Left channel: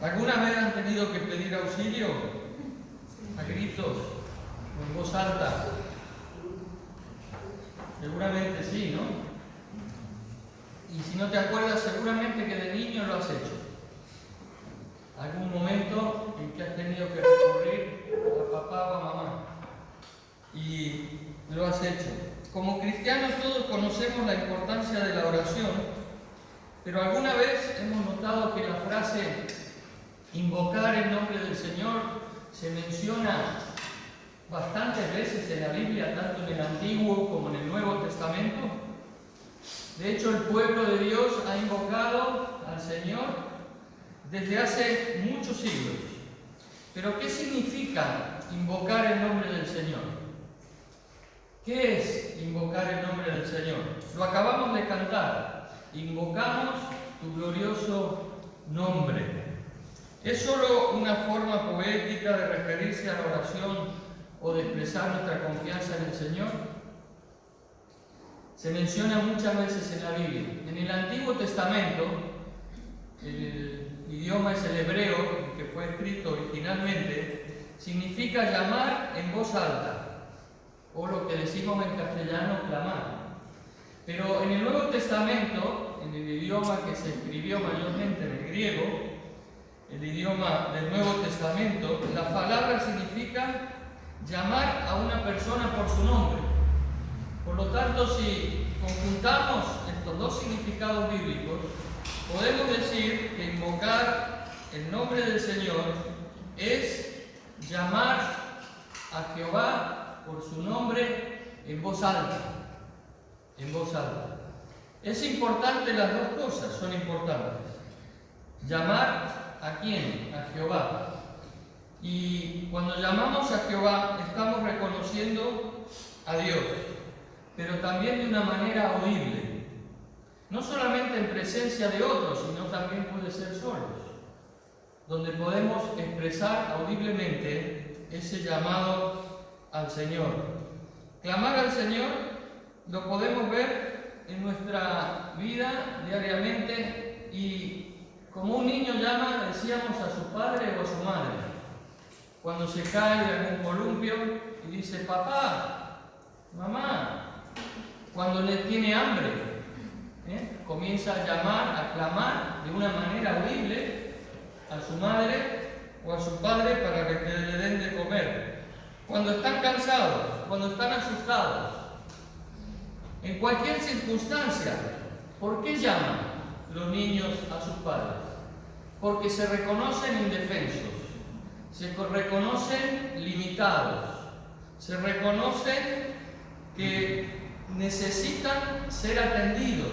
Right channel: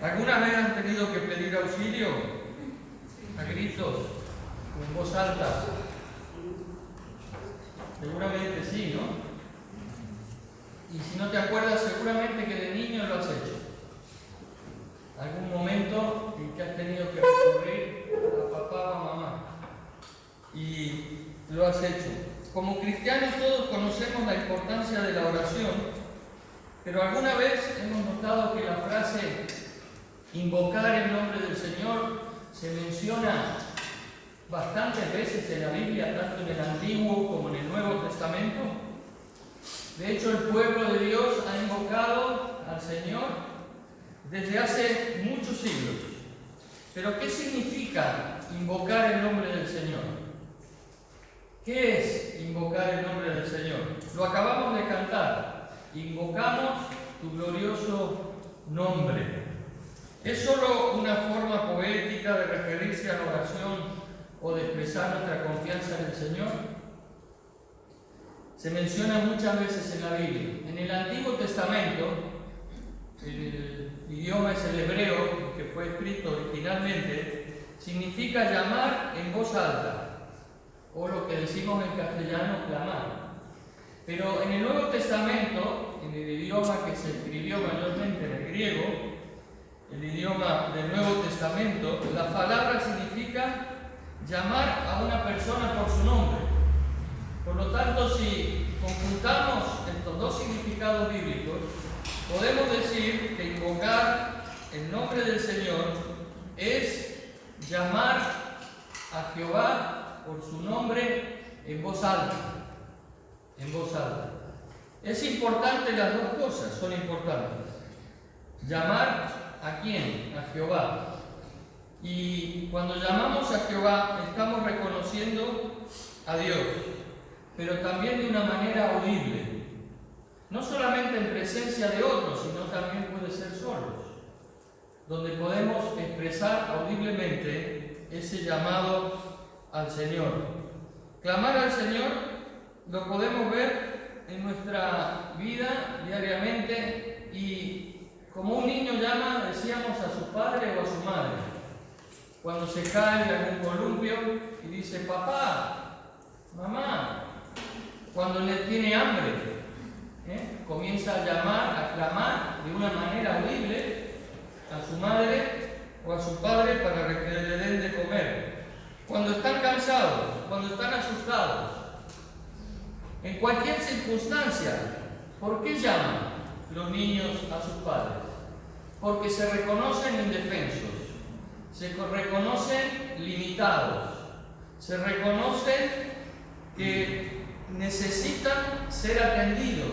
¿Alguna vez han tenido que pedir auxilio? A gritos, o en voz alta. Seguramente sí, ¿no? Y si no te acuerdas, seguramente que de niño lo has hecho. Algún momento en que has tenido que recurrir a papá o a mamá. Y lo has hecho. Como cristianos todos conocemos la importancia de la oración, pero alguna vez hemos notado que la frase invocar el nombre del Señor se menciona bastantes veces en la Biblia, tanto en el Antiguo como en el Nuevo Testamento. De hecho, el pueblo de Dios ha invocado al Señor desde hace muchos siglos. Pero ¿qué significa invocar el nombre del Señor? ¿Qué es invocar el nombre del Señor? Lo acabamos de cantar. Invocamos tu glorioso nombre. ¿Es solo una forma poética de referirse a la oración o de expresar nuestra confianza en el Señor? Se menciona muchas veces en la Biblia. En el Antiguo Testamento, el idioma es el hebreo, que fue escrito originalmente, significa llamar en voz alta, o lo que decimos en castellano, clamar. Pero en el Nuevo Testamento, en el idioma que se escribió mayormente en el griego, el idioma del Nuevo Testamento, la palabra significa llamar a una persona por su nombre. Por lo tanto, si conjuntamos estos dos significados bíblicos, podemos decir que invocar el nombre del Señor es llamar a Jehová por su nombre en voz alta. En voz alta. Es importante las dos cosas, son importantes. Llamar ¿a quién? A Jehová. Y cuando llamamos a Jehová, estamos reconociendo a Dios, pero también de una manera audible. No solamente en presencia de otros, sino también puede ser solos, donde podemos expresar audiblemente ese llamado al Señor. Clamar al Señor lo podemos ver en nuestra vida diariamente y como un niño llama, decíamos, a su padre o a su madre. Cuando se cae de algún columpio y dice, papá, mamá. Cuando le tiene hambre, comienza a llamar, a clamar de una manera audible a su madre o a su padre para que le den de comer. Cuando están cansados, cuando están asustados, en cualquier circunstancia, ¿por qué llaman los niños a sus padres? Porque se reconocen indefensos, se reconocen limitados, se reconocen que necesitan ser atendidos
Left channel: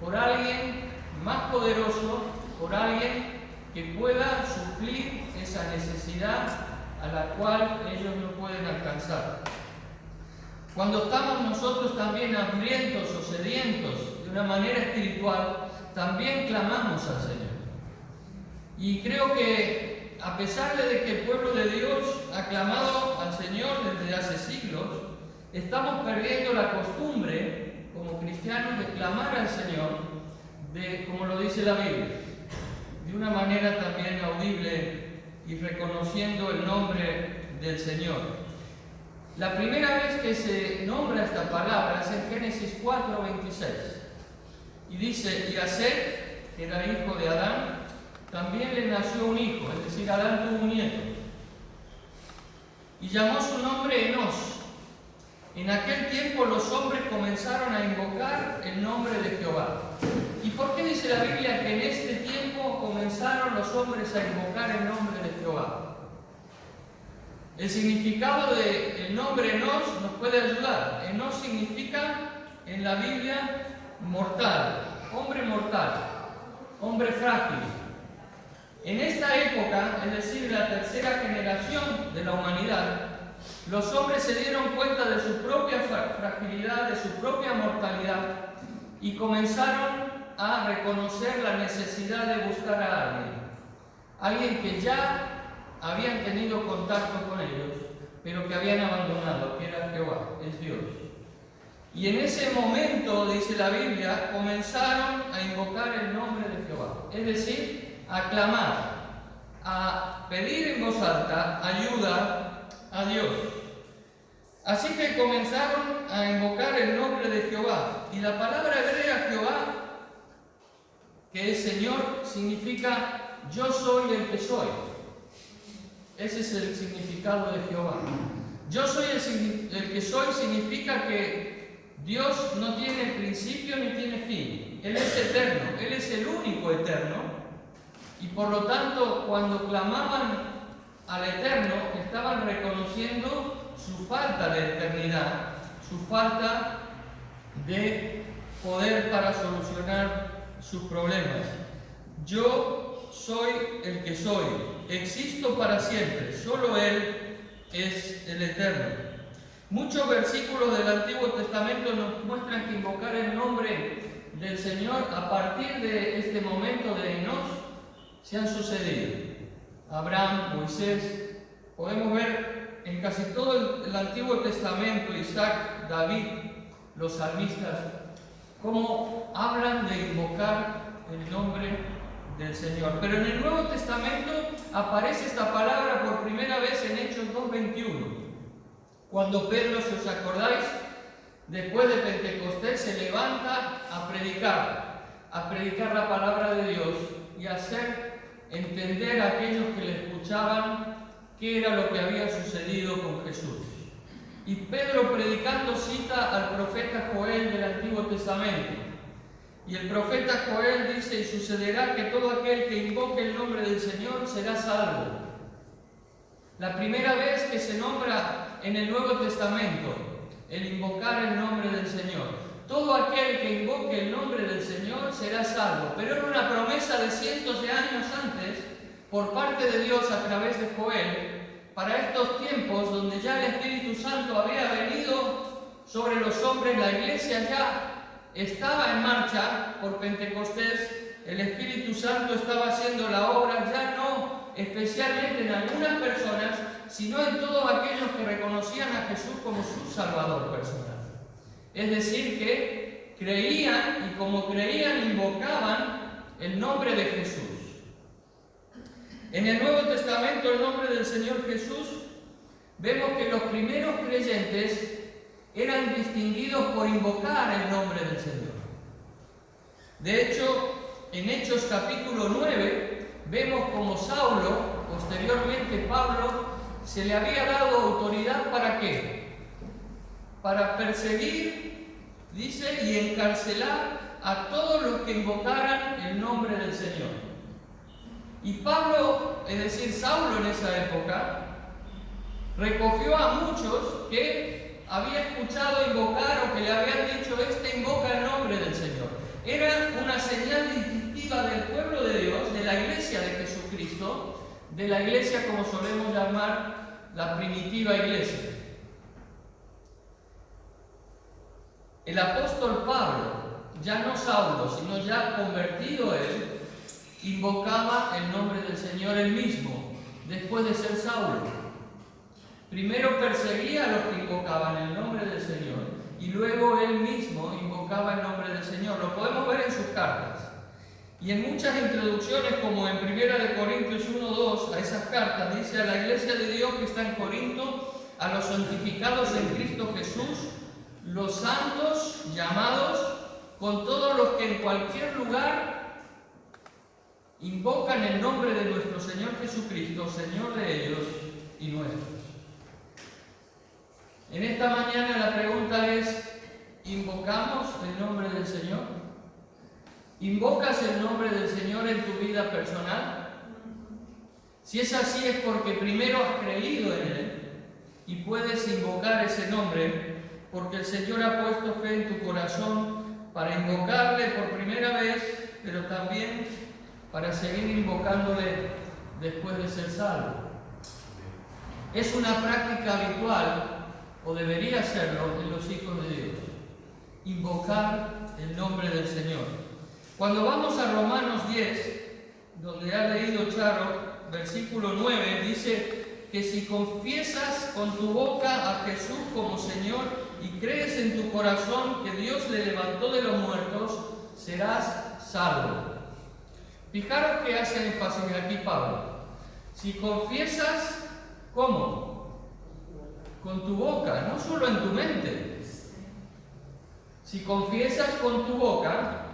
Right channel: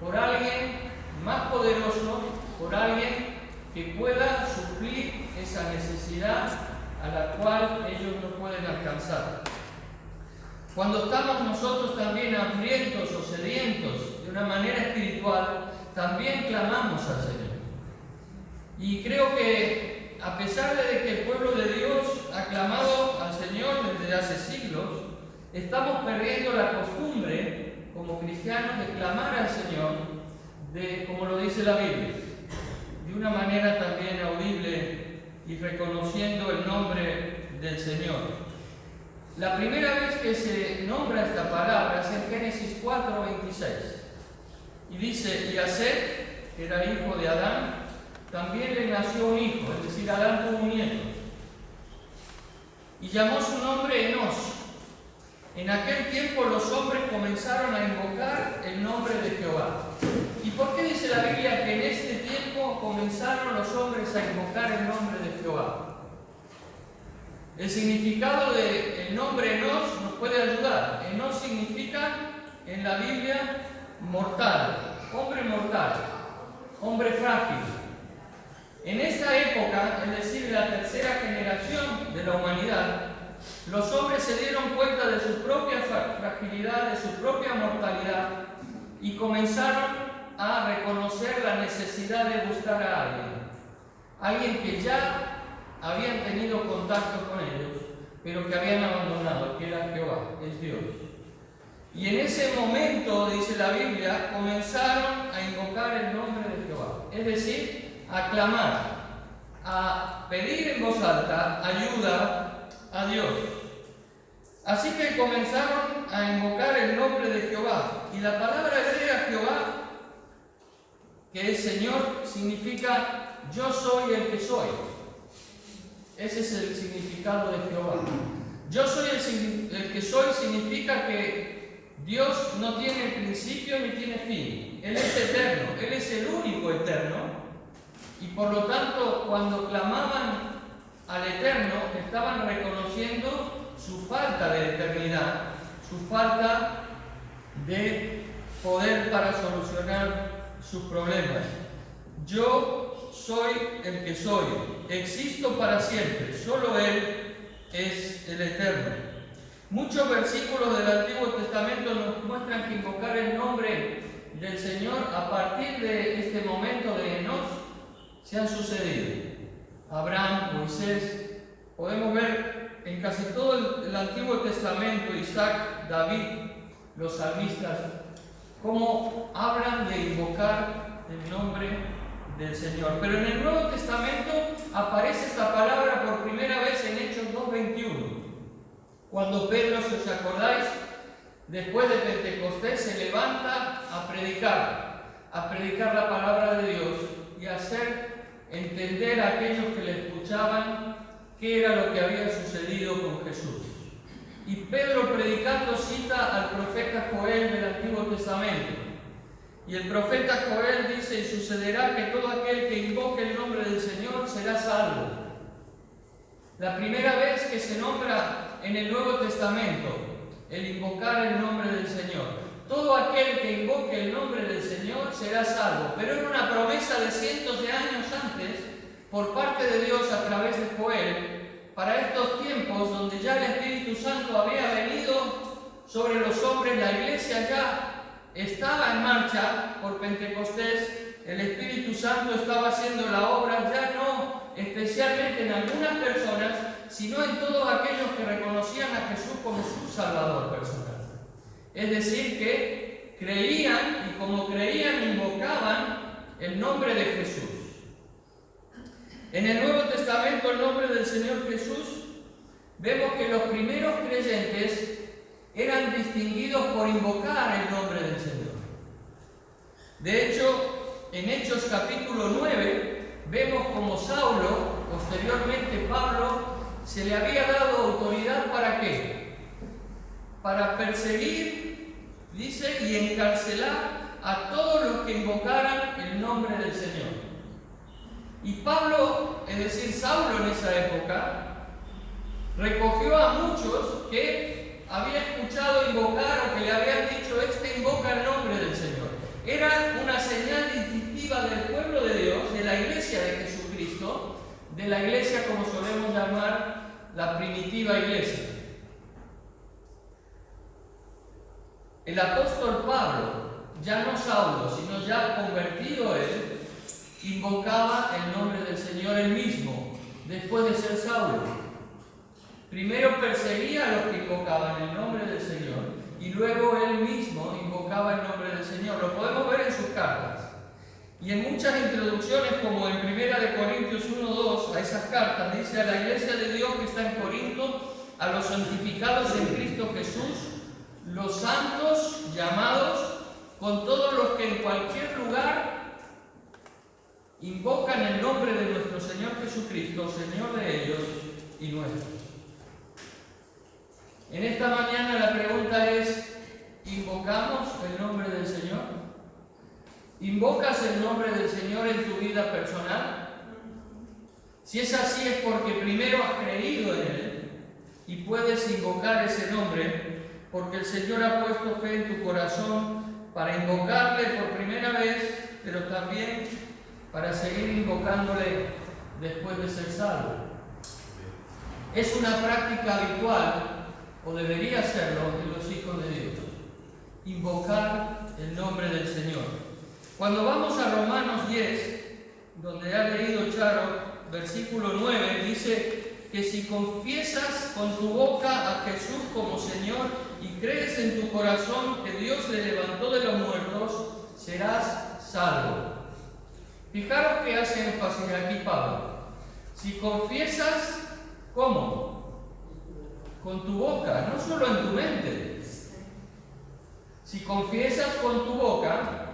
por alguien más poderoso, por alguien que pueda suplir esa necesidad a la cual ellos no pueden alcanzar. Cuando estamos nosotros también hambrientos o sedientos de una manera espiritual, también clamamos al Señor. Y creo que a pesar de que el pueblo de Dios ha clamado al Señor desde hace siglos, estamos perdiendo la costumbre como cristianos de clamar al Señor, como lo dice la Biblia, de una manera también audible y reconociendo el nombre del Señor. La primera vez que se nombra esta palabra es en Génesis 4:26 y dice, y a Set, que era hijo de Adán, también le nació un hijo, es decir, Adán tuvo un nieto, y llamó su nombre Enos. En aquel tiempo los hombres comenzaron a invocar el nombre de Jehová. ¿Y por qué dice la Biblia que en este tiempo comenzaron los hombres a invocar el nombre de Jehová? El significado del nombre Enos nos puede ayudar. Enos significa en la Biblia mortal, hombre frágil. En esta época, es decir, la tercera generación de la humanidad, los hombres se dieron cuenta de su propia fragilidad, de su propia mortalidad y comenzaron a reconocer la necesidad de buscar a alguien que ya habían tenido contacto con ellos, pero que habían abandonado, que era Jehová, es Dios. Y en ese momento, dice la Biblia, comenzaron a invocar el nombre de Jehová. Es decir, a clamar, a pedir en voz alta ayuda a Dios. Así que comenzaron a invocar el nombre de Jehová. Y la palabra hebrea Jehová, que es Señor, significa yo soy el que soy. Ese es el significado de Jehová. Yo soy el que soy significa que Dios no tiene principio ni tiene fin. Él es eterno, Él es el único eterno. Y por lo tanto, cuando clamaban al Eterno, estaban reconociendo su falta de eternidad, su falta de poder para solucionar sus problemas. Yo soy el que soy, existo para siempre, solo Él es el Eterno. Muchos versículos del Antiguo Testamento nos muestran que invocar el nombre del Señor a partir de este momento de Enoch se han sucedido. Abraham, Moisés, podemos ver en casi todo el Antiguo Testamento, Isaac, David, los salmistas, cómo hablan de invocar el nombre del Señor. Pero en el Nuevo Testamento aparece esta palabra por primera vez en Hechos 2:21, cuando Pedro, si os acordáis, después de Pentecostés se levanta a predicar la palabra de Dios y a hacer entender a aquellos que le escuchaban qué era lo que había sucedido con Jesús. Y Pedro, predicando, cita al profeta Joel del Antiguo Testamento. Y el profeta Joel dice: y sucederá que todo aquel que invoque el nombre del Señor será salvo. La primera vez que se nombra en el Nuevo Testamento el invocar el nombre del Señor. Todo aquel que invoque el nombre del Señor será salvo. Pero era una promesa de cientos de años antes por parte de Dios a través de Joel, para estos tiempos donde ya el Espíritu Santo había venido sobre los hombres. La iglesia ya estaba en marcha por Pentecostés, el Espíritu Santo estaba haciendo la obra, ya no especialmente en algunas personas, sino en todos aquellos que reconocían a Jesús como su Salvador personal. Es decir, que creían, y como creían, invocaban el nombre de Jesús. En el Nuevo Testamento, el nombre del Señor Jesús, vemos que los primeros creyentes eran distinguidos por invocar el nombre del Señor. De hecho, en Hechos capítulo 9, vemos como Saulo, posteriormente Pablo, se le había dado autoridad ¿para qué? Para perseguir, dice, y encarcelar a todos los que invocaran el nombre del Señor. Y Pablo, es decir, Saulo en esa época, recogió a muchos que había escuchado invocar o que le habían dicho: este invoca el nombre del Señor. Era una señal distintiva del pueblo de Dios, de la iglesia de Jesucristo, de la iglesia como solemos llamar la primitiva iglesia. El apóstol Pablo, ya no Saulo, sino ya convertido él, invocaba el nombre del Señor él mismo, después de ser Saulo. Primero perseguía a los que invocaban el nombre del Señor y luego él mismo invocaba el nombre del Señor. Lo podemos ver en sus cartas. Y en muchas introducciones, como en 1 Corintios 1:2, a esas cartas dice: a la iglesia de Dios que está en Corinto, a los santificados en Cristo Jesús, los santos llamados, con todos los que en cualquier lugar invocan el nombre de nuestro Señor Jesucristo, Señor de ellos y nuestros. En esta mañana la pregunta es: ¿invocamos el nombre del Señor? ¿Invocas el nombre del Señor en tu vida personal? Si es así, es porque primero has creído en Él y puedes invocar ese nombre, porque el Señor ha puesto fe en tu corazón para invocarle por primera vez, pero también para seguir invocándole después de ser salvo. Es una práctica habitual, o debería serlo, en los hijos de Dios, invocar el nombre del Señor. Cuando vamos a Romanos 10, donde ha leído Charo, versículo 9, dice que si confiesas con tu boca a Jesús como Señor y crees en tu corazón que Dios le levantó de los muertos, serás salvo. Fijaros que hace énfasis aquí Pablo. Si confiesas, ¿cómo? Con tu boca, no solo en tu mente. Si confiesas con tu boca,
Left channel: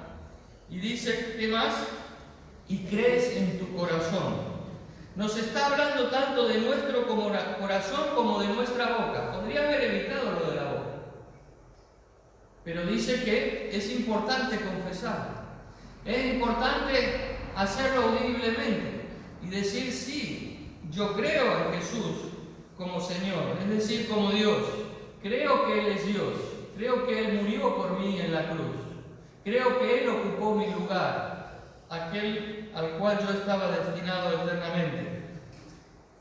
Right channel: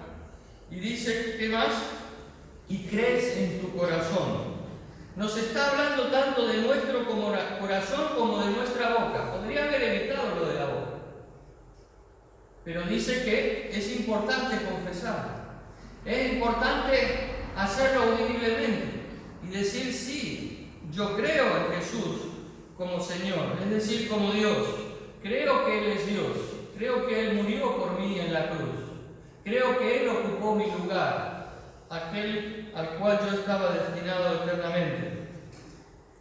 y dice, ¿qué más? Y crees en tu corazón. Nos está hablando tanto de nuestro corazón como de nuestra boca. Podría haber evitado lo de la boca. Pero dice que es importante confesar. Es importante hacerlo audiblemente y decir, sí, yo creo en Jesús como Señor, es decir, como Dios. Creo que Él es Dios. Creo que Él murió por mí en la cruz. Creo que Él ocupó mi lugar, aquel al cual yo estaba destinado eternamente.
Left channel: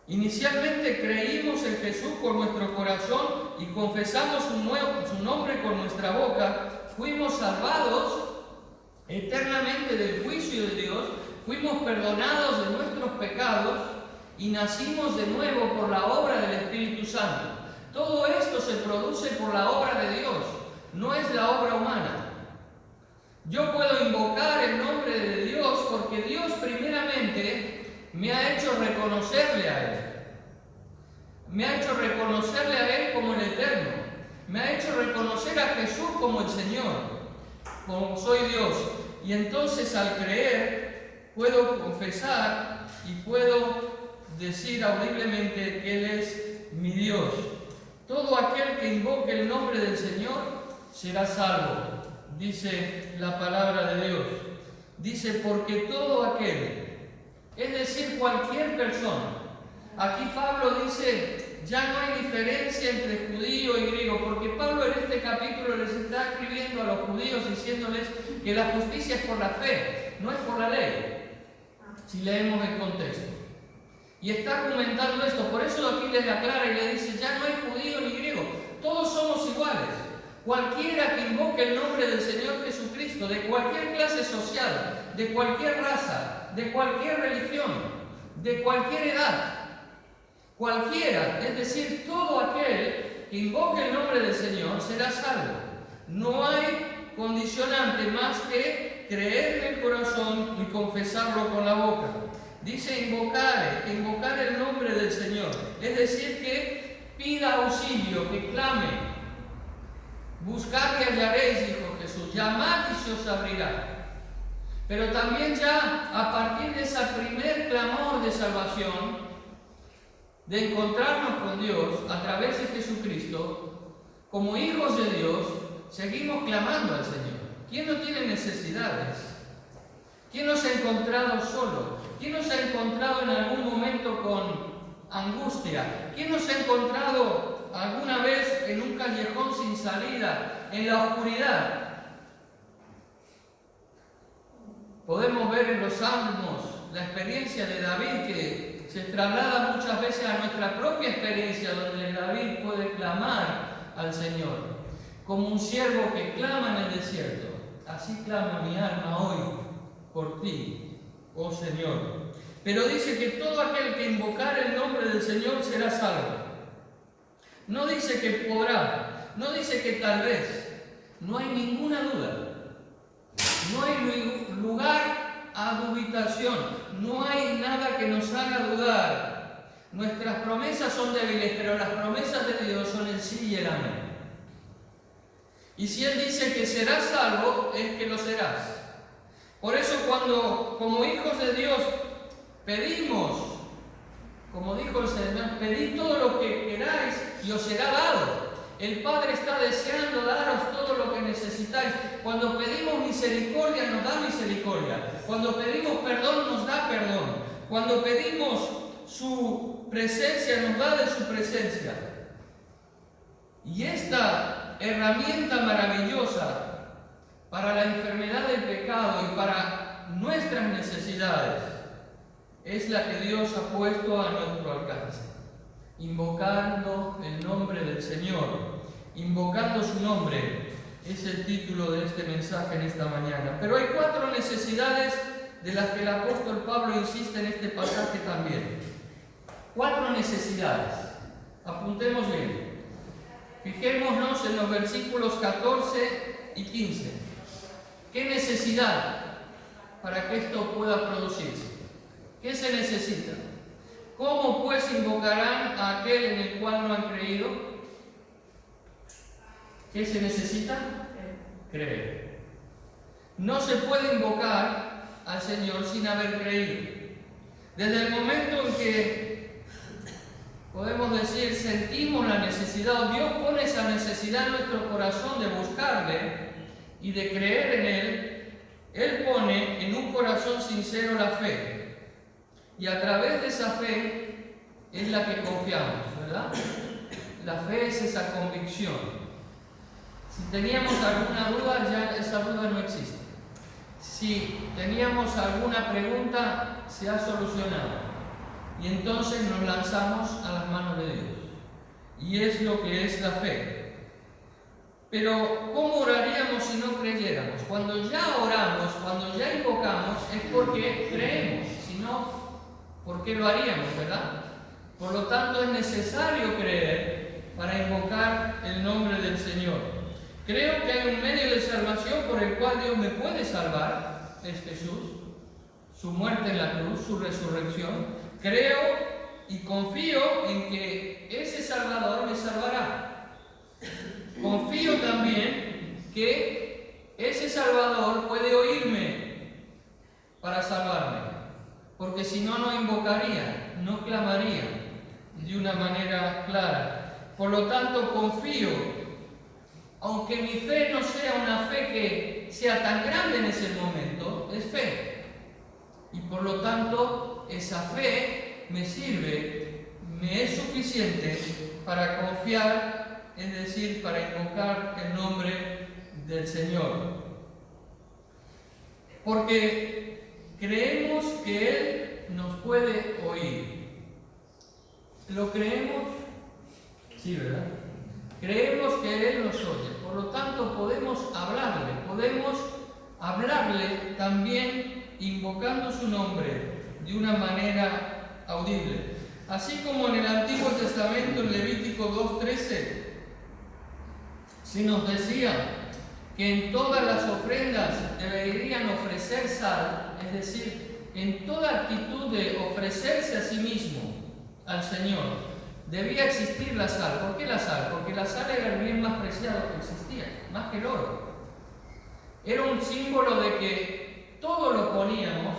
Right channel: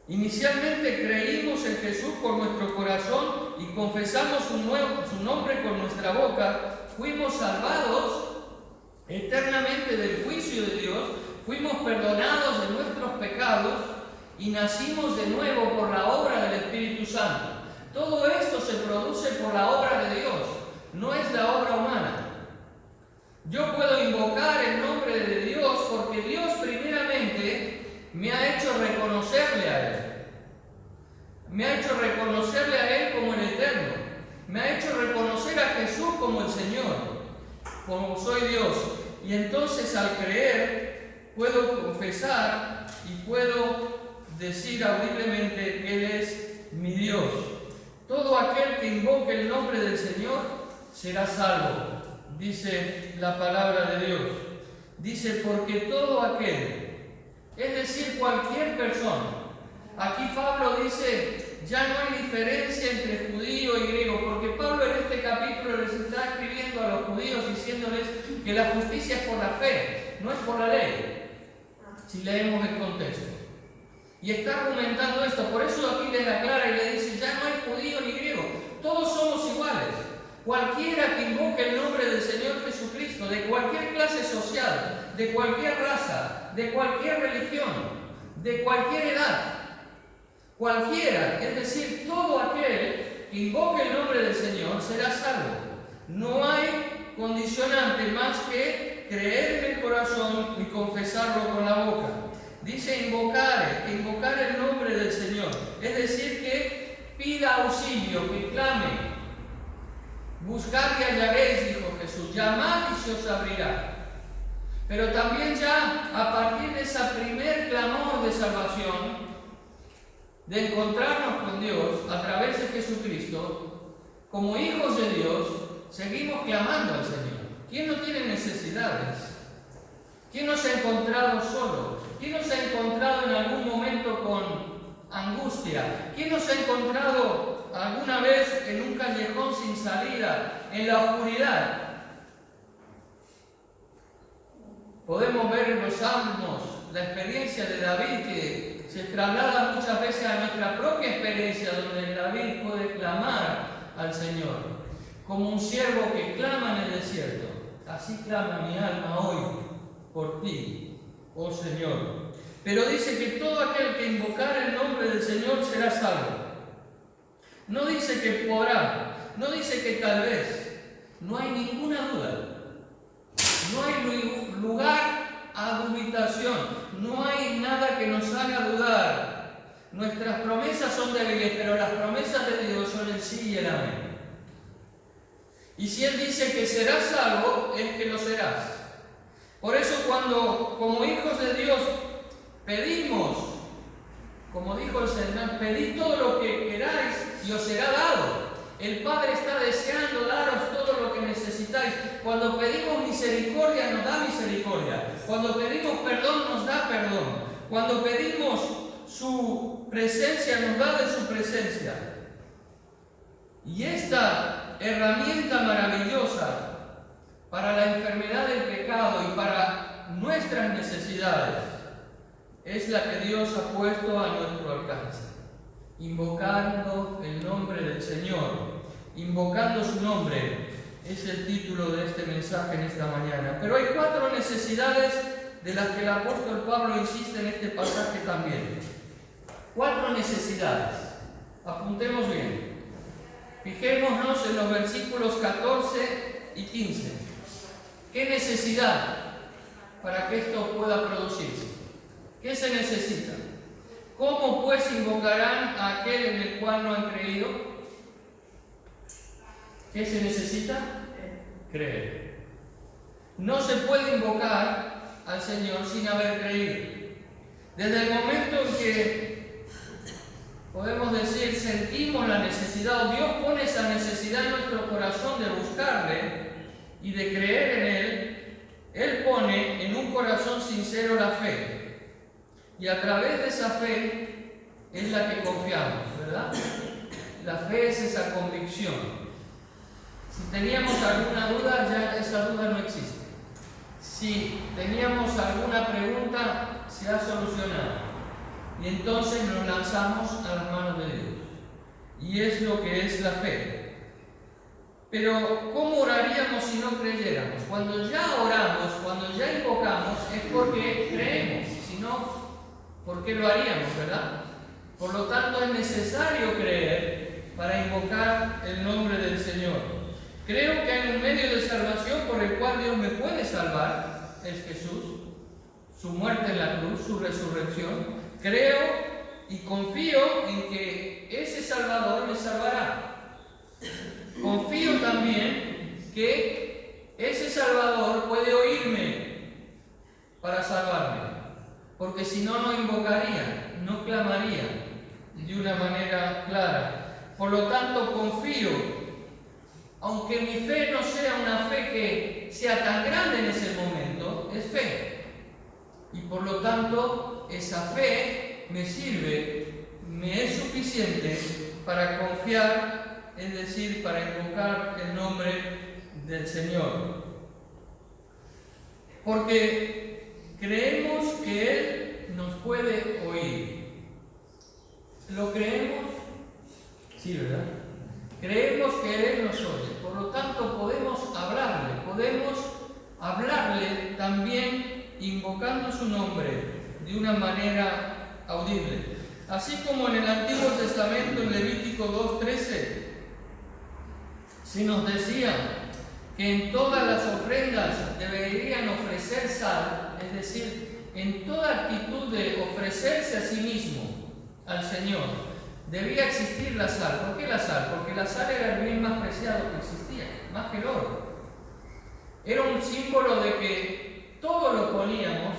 Inicialmente creímos en Jesús por nuestro corazón y confesamos su nombre con nuestra boca. Fuimos salvados eternamente del juicio de Dios, fuimos perdonados de nuestros pecados y nacimos de nuevo por la obra del Espíritu Santo. Todo esto se produce por la obra de Dios, no es la obra humana. Yo puedo invocar el nombre de Dios porque Dios primeramente me ha hecho reconocerle a Él. Me ha hecho reconocerle a Él como el Eterno. Me ha hecho reconocer a Jesús como el Señor, como soy Dios. Y entonces al creer puedo confesar y puedo decir audiblemente que Él es mi Dios. Todo aquel que invoque el nombre del Señor será salvo. Dice la palabra de Dios. Dice, porque todo aquel, es decir, cualquier persona. Aquí Pablo dice, ya no hay diferencia entre judío y griego, porque Pablo en este capítulo les está escribiendo a los judíos diciéndoles que la justicia es por la fe, no es por la ley, si leemos el contexto. Y está argumentando esto, por eso aquí les aclara y le dice, ya no hay judío ni griego, todos somos iguales. Cualquiera que invoque el nombre del Señor Jesucristo, de cualquier clase social, de cualquier raza, de cualquier religión, de cualquier edad, cualquiera, es decir, todo aquel que invoque el nombre del Señor será salvo. No hay condicionante más que creer en el corazón y confesarlo con la boca. Dice invocar el nombre del Señor, es decir, que pida auxilio, que clame. Buscad y hallaréis, dijo Jesús, llamad y se os abrirá. Pero también ya a partir de ese primer clamor de salvación, de encontrarnos con Dios a través de Jesucristo, como hijos de Dios, seguimos clamando al Señor. ¿Quién no tiene necesidades? ¿Quién no se ha encontrado solo? ¿Quién no se ha encontrado en algún momento con angustia? ¿Quién no se ha encontrado alguna vez en un callejón sin salida, en la oscuridad? Podemos ver en los Salmos la experiencia de David que se traslada muchas veces a nuestra propia experiencia, donde David puede clamar al Señor, como un siervo que clama en el desierto. Así clama mi alma hoy por ti, oh Señor. Pero dice que todo aquel que invocar el nombre del Señor será salvo. No dice que podrá, no dice que tal vez, no hay ninguna duda, no hay lugar a dubitación, no hay nada que nos haga dudar. Nuestras promesas son débiles, pero las promesas de Dios son el sí y el amén. Y si Él dice que serás salvo, es que lo serás. Por eso cuando como hijos de Dios pedimos, como dijo el Señor, pedid todo lo que queráis y os será dado. El Padre está deseando daros todo lo que necesitáis. Cuando pedimos misericordia, nos da misericordia. Cuando pedimos perdón, nos da perdón. Cuando pedimos su presencia, nos da de su presencia. Y esta herramienta maravillosa para la enfermedad del pecado y para nuestras necesidades es la que Dios ha puesto a nuestro alcance. Invocando el nombre del Señor, invocando su nombre, es el título de este mensaje en esta mañana. Pero hay 4 necesidades de las que el apóstol Pablo insiste en este pasaje también. 4 necesidades. Apuntemos bien. Fijémonos en los versículos 14 y 15. ¿Qué necesidad para que esto pueda producirse? ¿Qué se necesita? ¿Cómo pues invocarán a aquel en el cual no han creído? ¿Qué se necesita? Creer. No se puede invocar al Señor sin haber creído. Desde el momento en que podemos decir, sentimos la necesidad, o Dios pone esa necesidad en nuestro corazón de buscarle y de creer en Él, Él pone en un corazón sincero la fe. Y a través de esa fe es la que confiamos, ¿verdad? La fe es esa convicción. Si teníamos alguna duda, ya esa duda no existe. Si teníamos alguna pregunta, se ha solucionado. Y entonces nos lanzamos a las manos de Dios. Y es lo que es la fe. Pero, ¿cómo oraríamos si no creyéramos? Cuando ya oramos, cuando ya invocamos, es porque creemos. Si no, ¿por qué lo haríamos, verdad? Por lo tanto, es necesario creer para invocar el nombre del Señor. Creo que hay un medio de salvación por el cual Dios me puede salvar, es Jesús, su muerte en la cruz, su resurrección. Creo y confío en que ese Salvador me salvará. Confío también que ese Salvador puede oírme para salvarme. Porque si no, no invocaría, no clamaría de una manera clara. Por lo tanto, confío, aunque mi fe no sea una fe que sea tan grande en ese momento, es fe. Y por lo tanto, esa fe me sirve, me es suficiente para confiar, es decir, para invocar el nombre del Señor. Porque creemos que Él nos puede oír. ¿Lo creemos? Sí, ¿verdad? Creemos que Él nos oye. Por lo tanto, podemos hablarle también invocando su nombre de una manera audible. Así como en el Antiguo Testamento, en Levítico 2:13, se nos decía que en todas las ofrendas deberían ofrecer sal, es decir, en toda actitud de ofrecerse a sí mismo al Señor, debía existir la sal. ¿Por qué la sal? Porque la sal era el bien más preciado que existía, más que el oro. Era un símbolo de que todo lo poníamos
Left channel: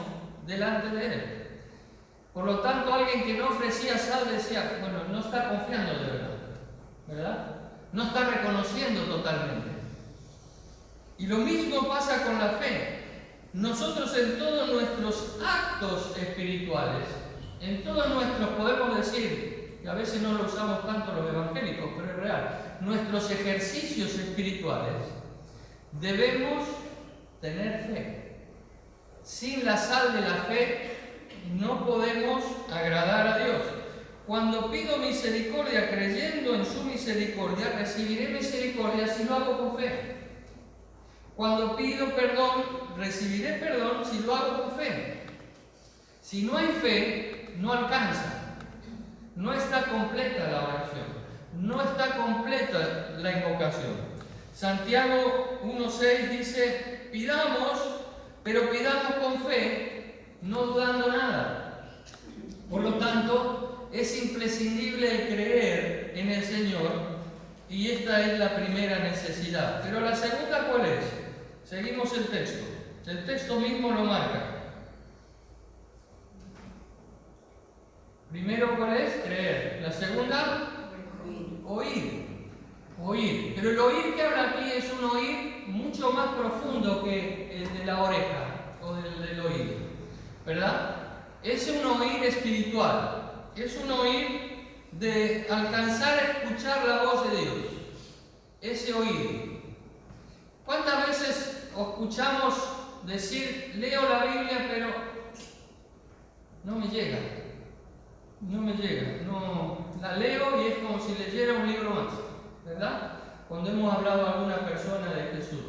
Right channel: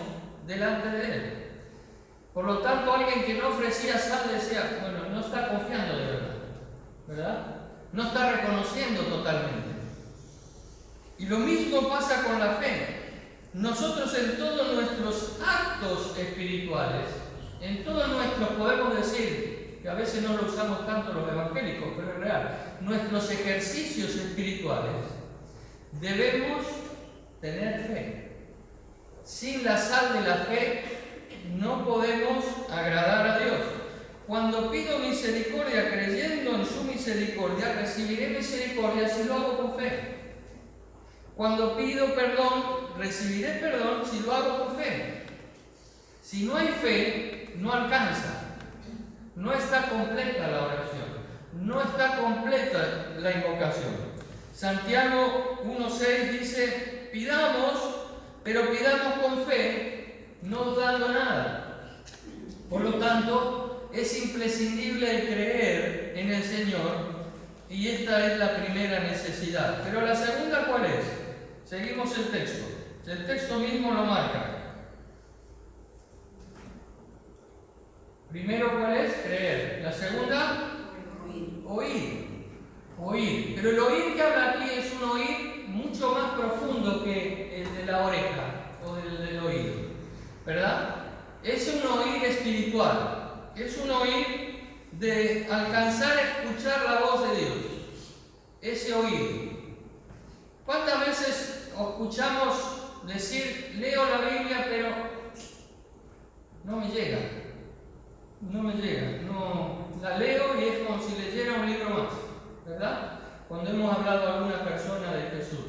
delante de Él. Por lo tanto, alguien que no ofrecía sal decía, bueno, no está confiando de verdad, ¿verdad? No está reconociendo totalmente. Y lo mismo pasa con la fe. Nosotros en todos nuestros actos espirituales, en todos nuestros, podemos decir, que a veces no lo usamos tanto los evangélicos, pero es real, nuestros ejercicios espirituales, debemos tener fe. Sin la sal de la fe no podemos agradar a Dios. Cuando pido misericordia creyendo en su misericordia, recibiré misericordia si lo hago con fe. Cuando pido perdón, recibiré perdón si lo hago con fe. Si no hay fe, no alcanza. No está completa la oración. No está completa la invocación. Santiago 1:6 dice, pidamos, pero pidamos con fe, no dudando nada. Por lo tanto, es imprescindible el creer en el Señor, y esta es la primera necesidad. Pero la segunda, ¿cuál es? Seguimos el texto. El texto mismo lo marca. Primero, ¿cuál es? Creer. La segunda, oír. Oír. Pero el oír que habla aquí es un oír mucho más profundo que el de la oreja o el del oído, ¿verdad? Es un oír espiritual. Es un oír de alcanzar a escuchar la voz de Dios. Ese oír. ¿Cuántas veces escuchamos decir, leo la Biblia, pero no me llega? No me llega. No, la leo y es como si leyera un libro más, ¿verdad? Cuando hemos hablado a alguna persona de Jesús.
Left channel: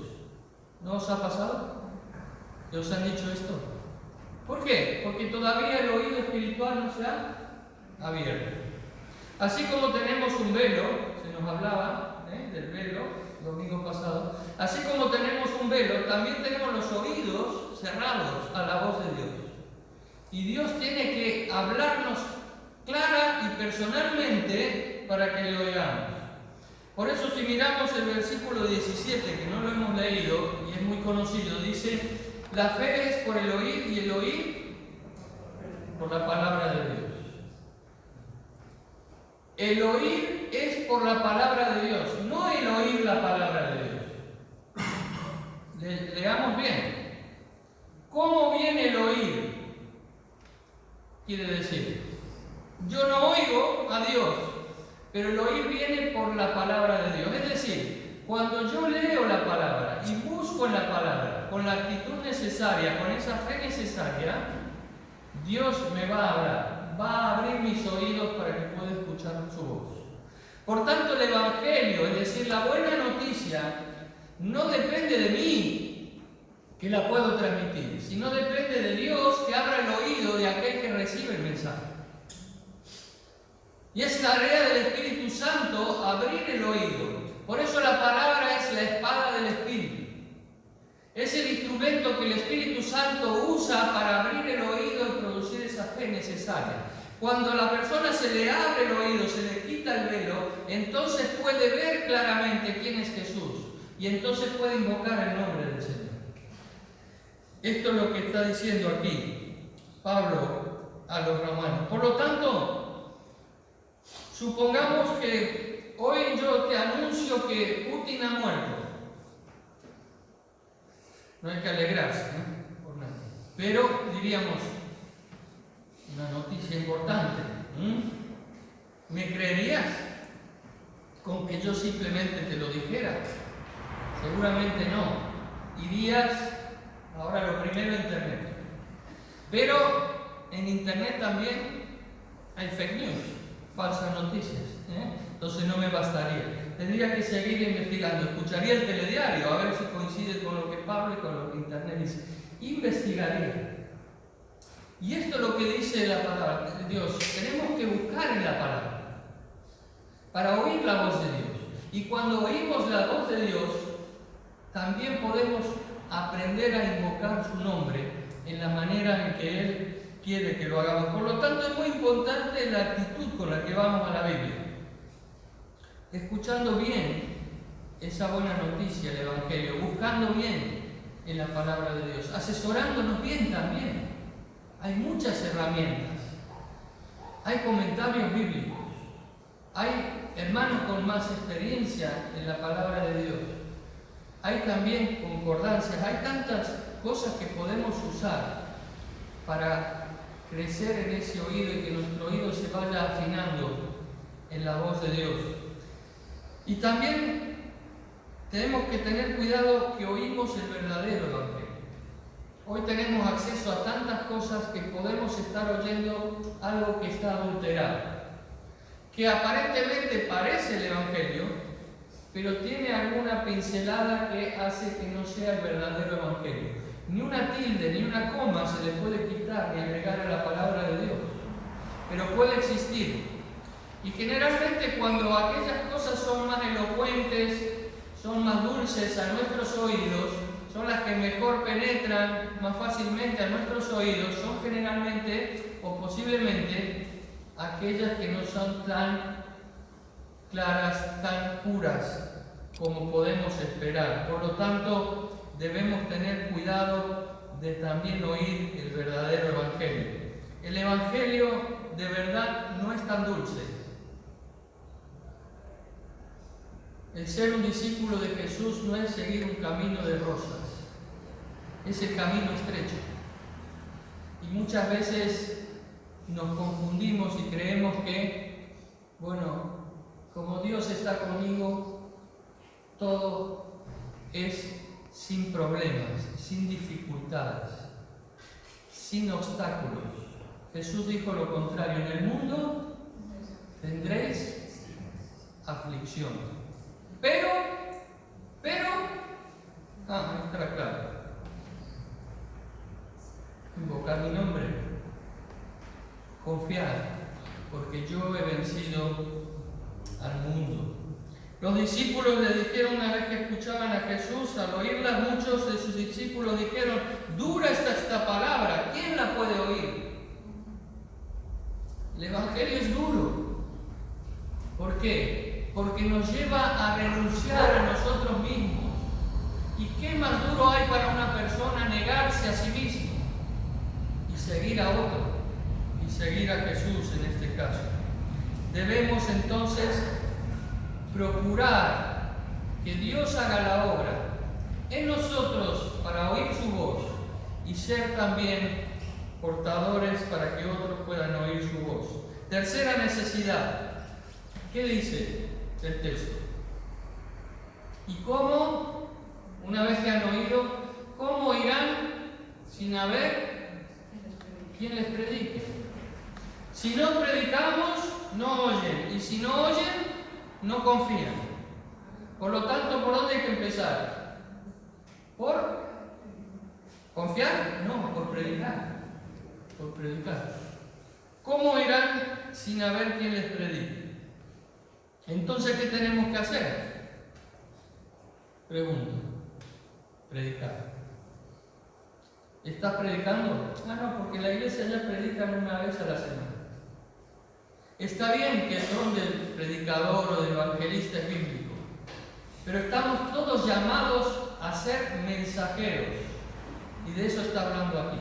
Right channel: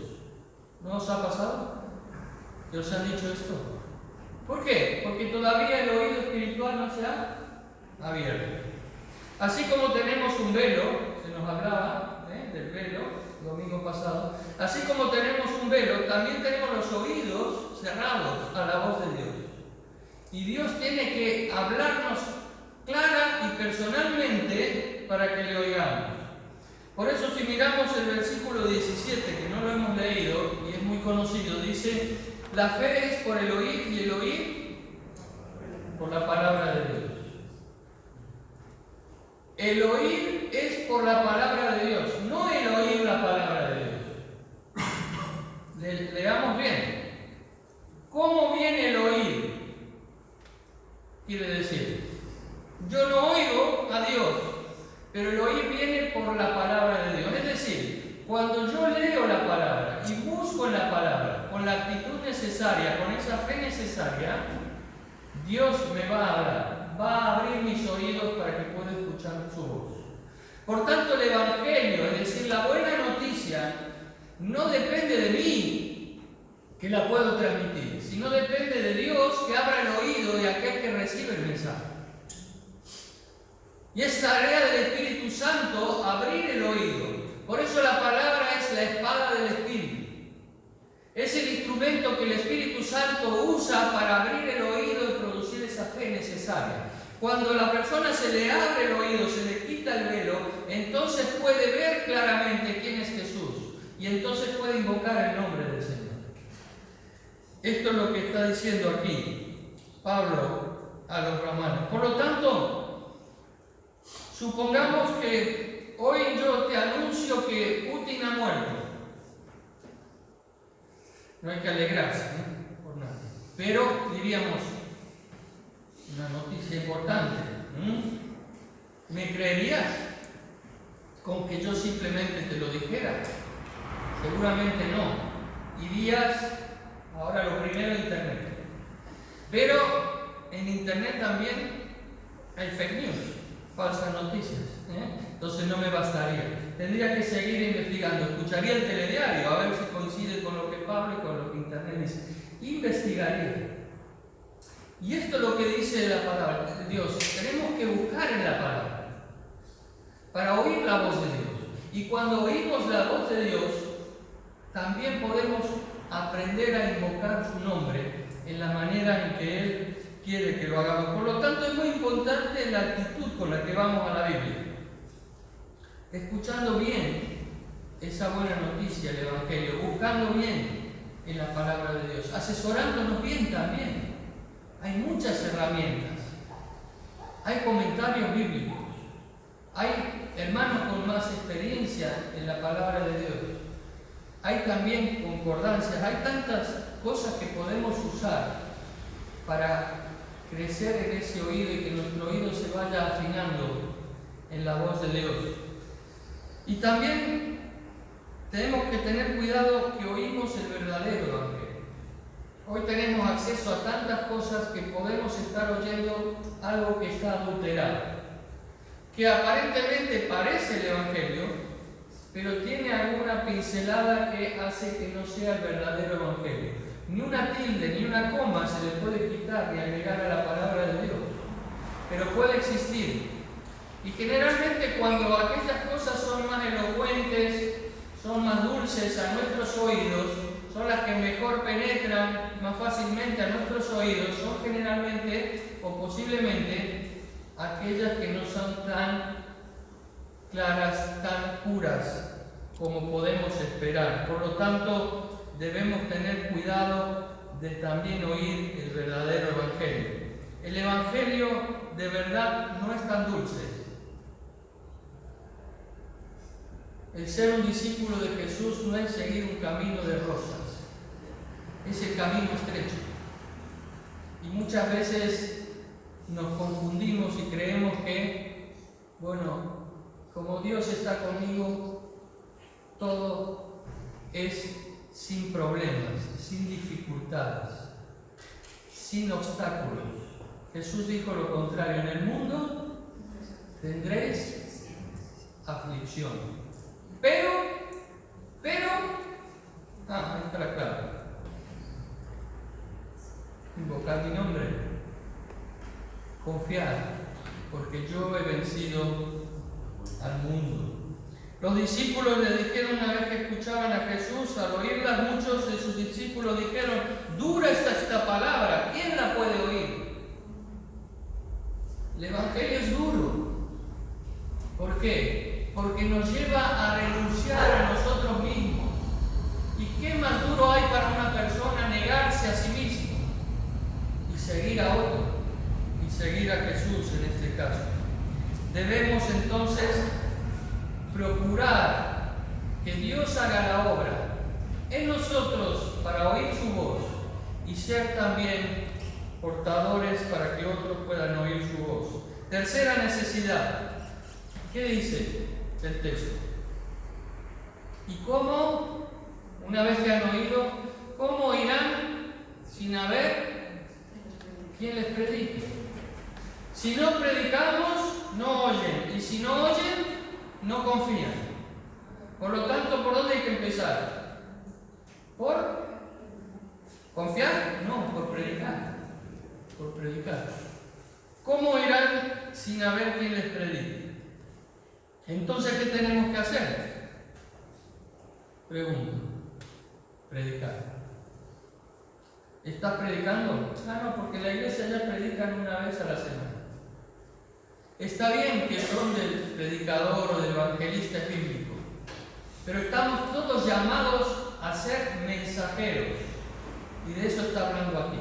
¿No os ha pasado? ¿Que os han dicho esto? ¿Por qué? Porque todavía el oído espiritual no se ha abierto. Así como tenemos un velo, se nos hablaba, del velo, el domingo pasado, así como tenemos un velo, también tenemos los oídos cerrados a la voz de Dios. Y Dios tiene que hablarnos clara y personalmente para que le oigamos. Por eso si miramos el versículo 17, que no lo hemos leído y es muy conocido, dice: la fe es por el oír y el oír por la palabra de Dios. El oír es por la palabra de Dios, no el oír la palabra de Dios. Leamos bien. ¿Cómo viene el oír? Quiere decir, yo no oigo a Dios, pero el oír viene por la palabra de Dios. Es decir, cuando yo leo la palabra y busco en la palabra con la actitud necesaria, con esa fe necesaria, Dios me va a hablar, va a abrir mis oídos para que pueda escuchar su voz. Por tanto, el Evangelio, es decir, la buena noticia, no depende de mí, que la puedo transmitir, sino depende de Dios, que abra el oído de aquel que recibe el mensaje. Y es tarea del Espíritu Santo abrir el oído. Por eso la palabra es la espada del Espíritu. Es el instrumento que el Espíritu Santo usa para abrir el oído y producir esa fe necesaria. Cuando a la persona se le abre el oído, se le quita el velo, entonces puede ver claramente quién es Jesús. Y entonces puede invocar el nombre del Señor. Esto es lo que está diciendo aquí Pablo a los romanos. Por lo tanto, supongamos que hoy yo te anuncio que Putin ha muerto. No hay que alegrarse, por nada. Pero diríamos, una noticia importante. ¿Me creerías con que yo simplemente te lo dijera? Seguramente no. Irías, ahora lo primero, a Internet. Pero en Internet también hay fake news, falsas noticias. Entonces no me bastaría. Tendría que seguir investigando. Escucharía el telediario a ver si coincide con lo que Pablo y con lo que Internet dice. Investigaría. Y esto es lo que dice la palabra de Dios. Tenemos que buscar en la palabra para oír la voz de Dios. Y cuando oímos la voz de Dios, también podemos aprender a invocar su nombre en la manera en que Él quiere que lo hagamos. Por lo tanto, es muy importante la actitud con la que vamos a la Biblia. Escuchando bien esa buena noticia, el Evangelio, buscando bien en la palabra de Dios, asesorándonos bien también. Hay muchas herramientas, hay comentarios bíblicos, hay hermanos con más experiencia en la palabra de Dios, hay también concordancias, hay tantas cosas que podemos usar para crecer en ese oído y que nuestro oído se vaya afinando en la voz de Dios. Y también tenemos que tener cuidado que oímos el verdadero Evangelio. Hoy tenemos acceso a tantas cosas que podemos estar oyendo algo que está adulterado, que aparentemente parece el Evangelio, pero tiene alguna pincelada que hace que no sea el verdadero Evangelio. Ni una tilde, ni una coma se le puede quitar ni agregar a la palabra de Dios, pero puede existir. Y generalmente cuando aquellas cosas son más elocuentes, son más dulces a nuestros oídos, son las que mejor penetran más fácilmente a nuestros oídos, son generalmente o posiblemente aquellas que no son tan claras, tan puras como podemos esperar. Por lo tanto, debemos tener cuidado de también oír el verdadero Evangelio. El Evangelio de verdad no es tan dulce. El ser un discípulo de Jesús no es seguir un camino de rosas, es el camino estrecho. Y muchas veces nos confundimos y creemos que, bueno, como Dios está conmigo, todo es sin problemas, sin dificultades, sin obstáculos. Jesús dijo lo contrario: en el mundo tendréis aflicción. Pero, está claro. Invocar mi nombre, confiar, porque yo he vencido al mundo. Los discípulos le dijeron una vez que escuchaban a Jesús, al oírla muchos de sus discípulos dijeron, dura está esta palabra, ¿quién la puede oír? El Evangelio es duro. ¿Por qué? Porque nos lleva a renunciar a nosotros mismos. ¿Y qué más duro hay para una persona negarse a sí mismo y seguir a otro? Y seguir a Jesús en este caso. Debemos entonces procurar que Dios haga la obra en nosotros para oír su voz y ser también portadores para que otros puedan oír su voz. Tercera necesidad. ¿Qué dice el texto? ¿Y cómo? Una vez que han oído, ¿cómo irán sin haber quien les predique? Si no predicamos, no oyen. Y si no oyen, no confían. Por lo tanto, ¿por dónde hay que empezar? ¿Por confiar? No, por predicar. Por predicar. ¿Cómo irán sin haber quien les predique? Entonces, ¿qué tenemos que hacer? Pregunto. Predicar. ¿Estás predicando? No, porque la iglesia ya predican una vez a la semana. Está bien que el don del predicador o del evangelista es bíblico, pero estamos todos llamados a ser mensajeros, y de eso está hablando aquí.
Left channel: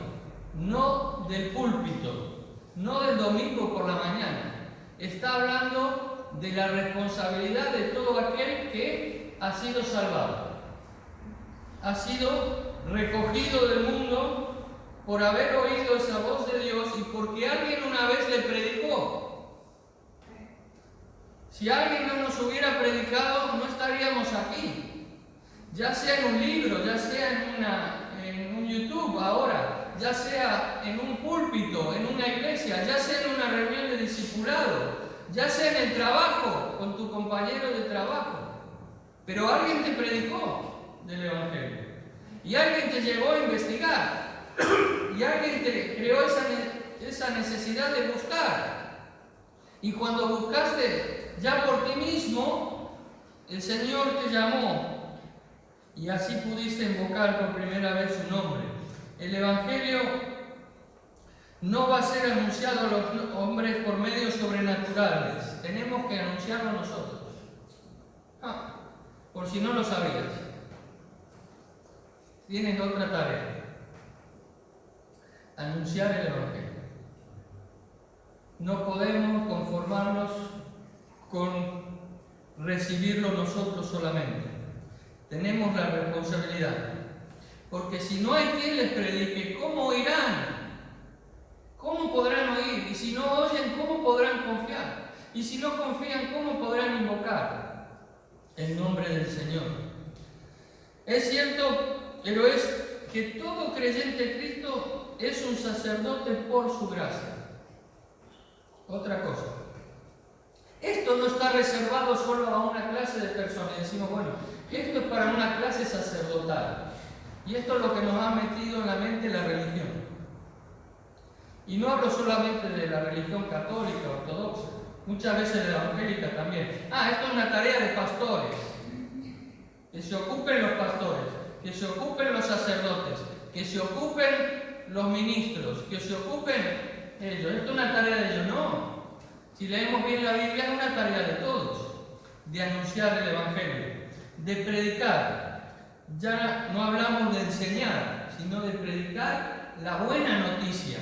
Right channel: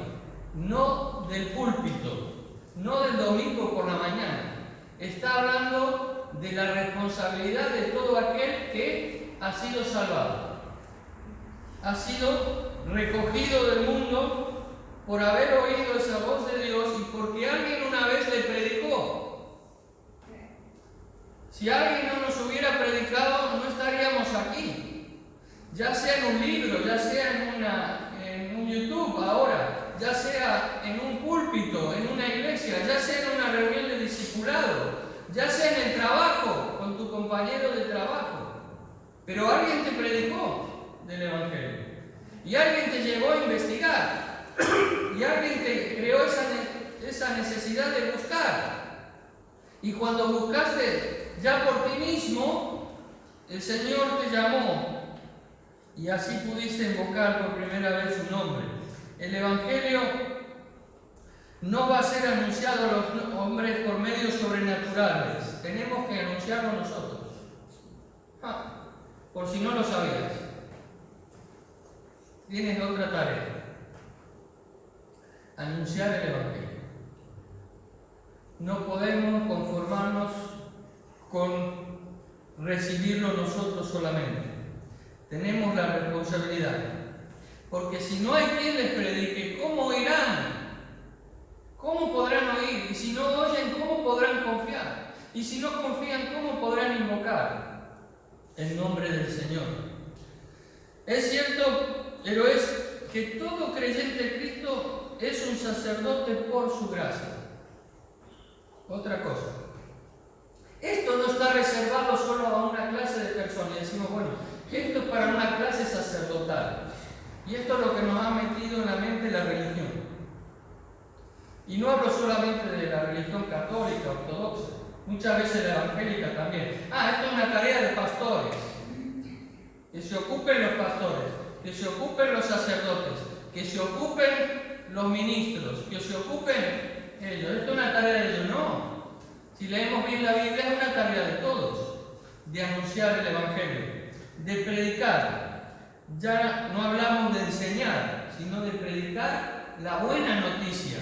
No del púlpito, no del domingo por la mañana. Está hablando de la responsabilidad de todo aquel que ha sido salvado. Ha sido recogido del mundo por haber oído esa voz de Dios y porque alguien una vez le predicó. Si alguien no nos hubiera predicado, no estaríamos aquí. Ya sea en un libro, ya sea en un YouTube ahora, ya sea en un púlpito, en una iglesia, ya sea en una reunión de discipulado, ya sea en el trabajo, con tu compañero de trabajo. Pero alguien te predicó del Evangelio. Y alguien te llevó a investigar. Y alguien te creó esa necesidad de buscar. Y cuando buscaste ya por ti mismo, el Señor te llamó. Y así pudiste invocar por primera vez su nombre. El Evangelio no va a ser anunciado a los hombres por medios sobrenaturales. Tenemos que anunciarlo nosotros. Por si no lo sabías. Tienes otra tarea. Anunciar el Evangelio. No podemos conformarnos con recibirlo nosotros solamente. Tenemos la responsabilidad. Porque si no hay quien les predique, ¿cómo oirán? ¿Cómo podrán oír? Y si no oyen, ¿cómo podrán confiar? Y si no confían, ¿cómo podrán invocar el nombre del Señor? Es cierto, pero es que todo creyente en Cristo es un sacerdote por su gracia. Otra cosa. Esto no está reservado solo a una clase de personas. Y decimos, bueno, esto es para una clase sacerdotal. Y esto es lo que nos ha metido en la mente la religión. Y no hablo solamente de la religión católica, ortodoxa. Muchas veces la evangélica también. Esto es una tarea de pastores. Que se ocupen los pastores, que se ocupen los sacerdotes, que se ocupen los ministros, que se ocupen ellos. Esto es una tarea de ellos. No. Si leemos bien la Biblia, es una tarea de todos, de anunciar el Evangelio, de predicar. Ya no hablamos de enseñar, sino de predicar la buena noticia